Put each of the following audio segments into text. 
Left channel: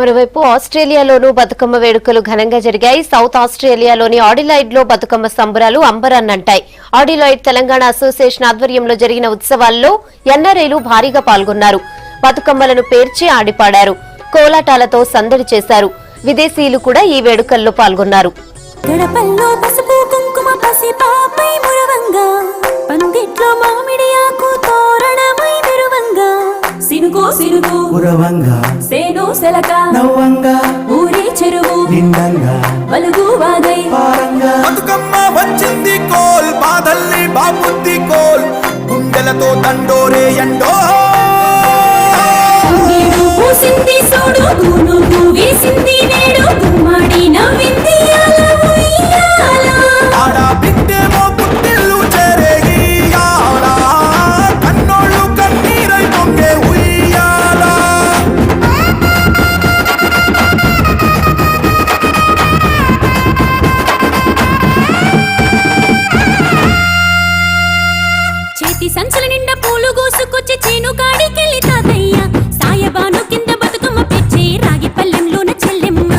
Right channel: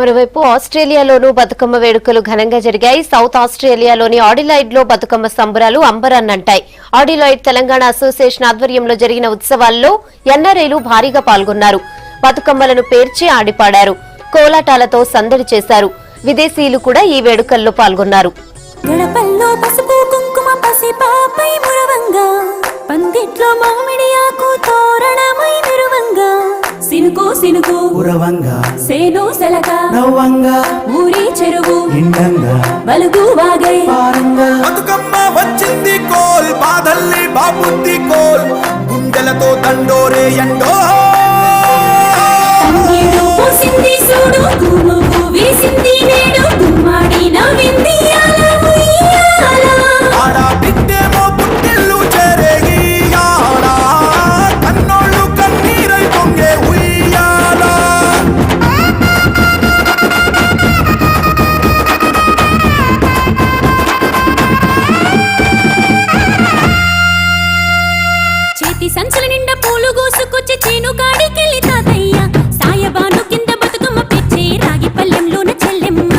మరోవైపు ఆస్ట్రేలియాలోనూ బతుకమ్మ వేడుకలు ఘనంగా జరిగాయి. సౌత్ ఆస్ట్రేలియాలోని ఆడిలైడ్ లో బతుకమ్మ సంబరాలు అంబరాన్నంటాయి. ఆడిలైడ్ తెలంగాణ అసోసియేషన్ ఆధ్వర్యంలో జరిగిన ఉత్సవాల్లో ఎన్ఆర్ఐలు భారీగా పాల్గొన్నారు. బతుకమ్మలను పేర్చి ఆడిపాడారు. కోలాటాలతో సందడి చేశారు. విదేశీయులు కూడా ఈ వేడుకల్లో పాల్గొన్నారు. గడపల్లో పసుపు కుంకుమ పసిపాపై మురవంగా, పందిట్లో మామిడి ఆకు తోరణమై మెరువంగా, సినుకు సినుకు మురవంగా, సేను సెలక నవ్వంగా, ఊరి చెరువు నిండంగా, బలుగు వాగై బతుకమ్మ వచ్చింది కోల్, బాధల్ని బాబుద్ది కోల్, గుండెలతో దండోరే ఎండో పూసింది సూడు తూనుగు వీసింది నేడు గుమ్మాడి నవ్వింది ఆడ బిడ్డేమో పుట్టిల్లు చెరేగియాల, కన్నోళ్ళు కన్నీరై పొంగే ఉయ్యాల. చేతి సంచుల నిండా పూలు గోసుకొచ్చి చేను కాడికెళ్ళి తాతయ్య, సాయబాను కింద బతుకమ్మ పెట్టి రాగి పల్లెంలోన చెల్లెమ్మ,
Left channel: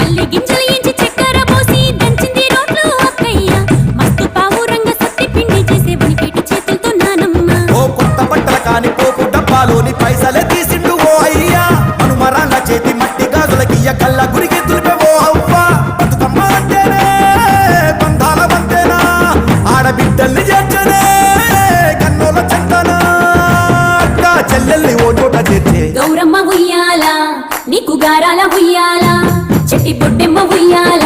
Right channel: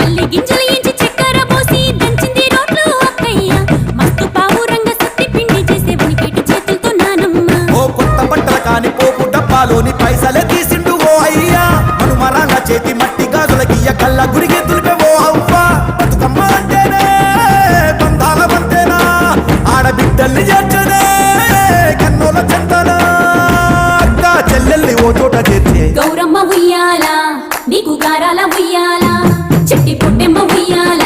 పల్లె గింజలు ఎంచి చక్కెర పోసి దంచింది రోడ్లు అక్కయ్య, మస్తు పావురంగ సత్తి పిండి చేసే వనికేటి చేతులతో నానమ్మ. ఓ కొత్త బట్టల కాని పోపు డబ్బాలోని పైసలే తీసిండు ఓ అయ్యా, మనుమరాళ్ళ చేతి మట్టి గాజులకియ్య కళ్ళ గురికి దులిపే ఓ అవ్వ. బతుకమ్మ అంటేనే బంధాల వంతేనా, ఆడబిడ్డల్ని చేర్చనే కన్నోల చెంతనా, అక్క చెల్లెల్ని ఓ చోట చేర్చే గౌరమ్మ ఉయ్యాల నీకు గారాల ఉయ్యాల, చెట్టి పొట్టెమ్మ ఉయ్యాల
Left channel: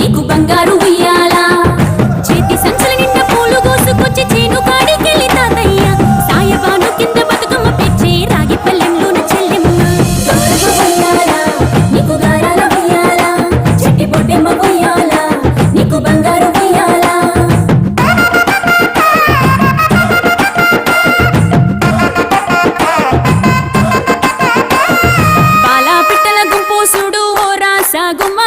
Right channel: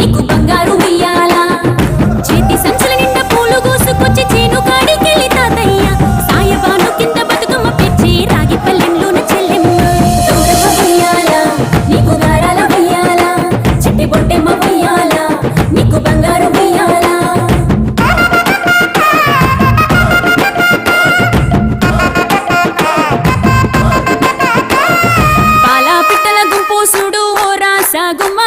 నీకు బంగారు ఉయ్యాల, చేతి సంచుల నిండా పూలు గోసుకొచ్చి చేను కాడికెళ్ళి తాతయ్య, సాయబాను కింద బతుకమ్మ పెట్టి రాగి పల్లెంలోన చెల్లెమ్మ. గౌరమ్మ ఉయ్యాల నీకు గారాల ఉయ్యాల, చెట్టి పొట్టెమ్మ ఉయ్యాల నీకు బంగారు ఉయ్యాల. పాలా పిట్టల గుంపు చూడు ఓ రాస గుమ్మ